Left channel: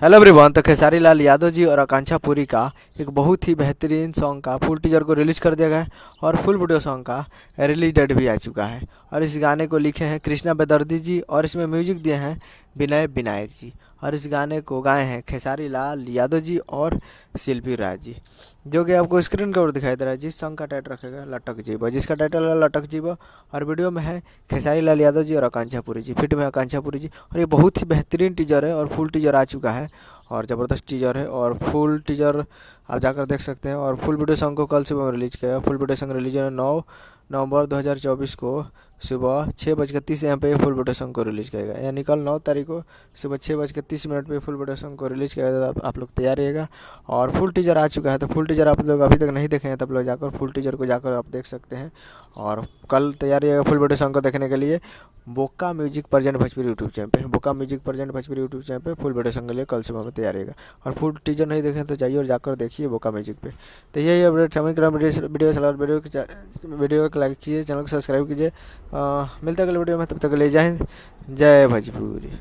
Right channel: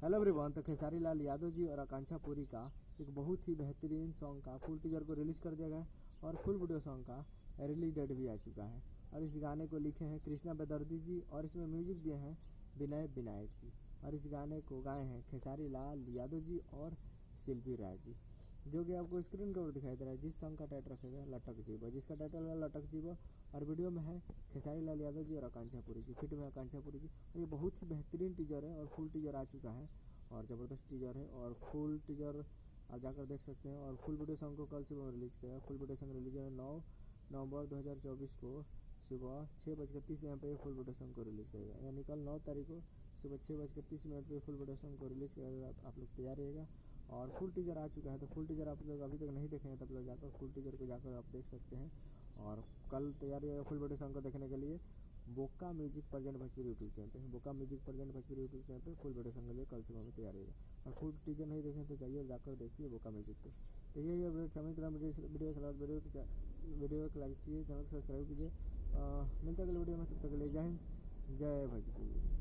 Hello everyone. तो खेसारी लाल यादव जी और आकांक्षा पुरी का एक बहुत ही बेहतरीन सॉन्ग का फुल टीजर को रिलीज़ कर दिया गया है और फुल वीडियो सॉन्ग का रिलीज डेट भी आ चुका है। और इस गाने को लिखे हैं कृष्णा बेदर्दी जी और इसमें म्यूजिक दिए हैं विनय विनायक जी। और इस गाने को गाए हैं खेसारी लाल यादव जी और शिल्पी राज जी, जो कि आपको स्क्रीन के ऊपर दिखाई दे रहा है। जिस सॉन्ग का टाइटल रखेगा लटक जीबा, जिसका टाइटल है लटक जीबा। और वीडियो में है खेसारी लाल यादव जी और आकांक्षा पुरी जी, फिट में आकांक्षा पुरी जी। और ये बहुत ही बेहतरीन टीजर है और फुल टीजर आ चुका है और ज़बरदस्त टीजर है। और फुल टीजर आप जाकर देख सकते हैं। और फुल वीडियो सॉन्ग को कल सुबह रिलीज किया। फुल वीडियो सॉन्ग रिलीज है 9 नवंबर 2024 को सुबह 6:30 AM पे फुल वीडियो सॉन्ग को रिलीज़ किया गया, यानी कल 9 तारीख को सुबह 6:30 पे फुल वीडियो सॉन्ग को रिलीज़ किया गया। आप लोग तैयार रहिएगा। और फुल टीजर आ चुका है, तो फुल टीजर आप लोग अभी तक नहीं देखे हैं तब लोग जाकर फुल टीजर को जाकर आप देख सकते हैं। और कल तैयार रहिएगा फुल वीडियो सॉन्ग को देखने के लिए बोका music present Bhojpuri YouTube channel पे। बोका music present Bhojpuri YouTube channel पे फुल वीडियो सॉन्ग के लिए कल सुबह में तैयार रहेगा। और फुल टीजर नहीं देखें तो जाइए और जाकर देखिए बोका म्यूजिक पे। तो यही अपडेट समझ कर वीडियो को लाइक कीजिए, चैनल को सब्सक्राइब कीजिए। मिलता है अगले वीडियो में, तब तक ले जाए। जय भोजपुरी।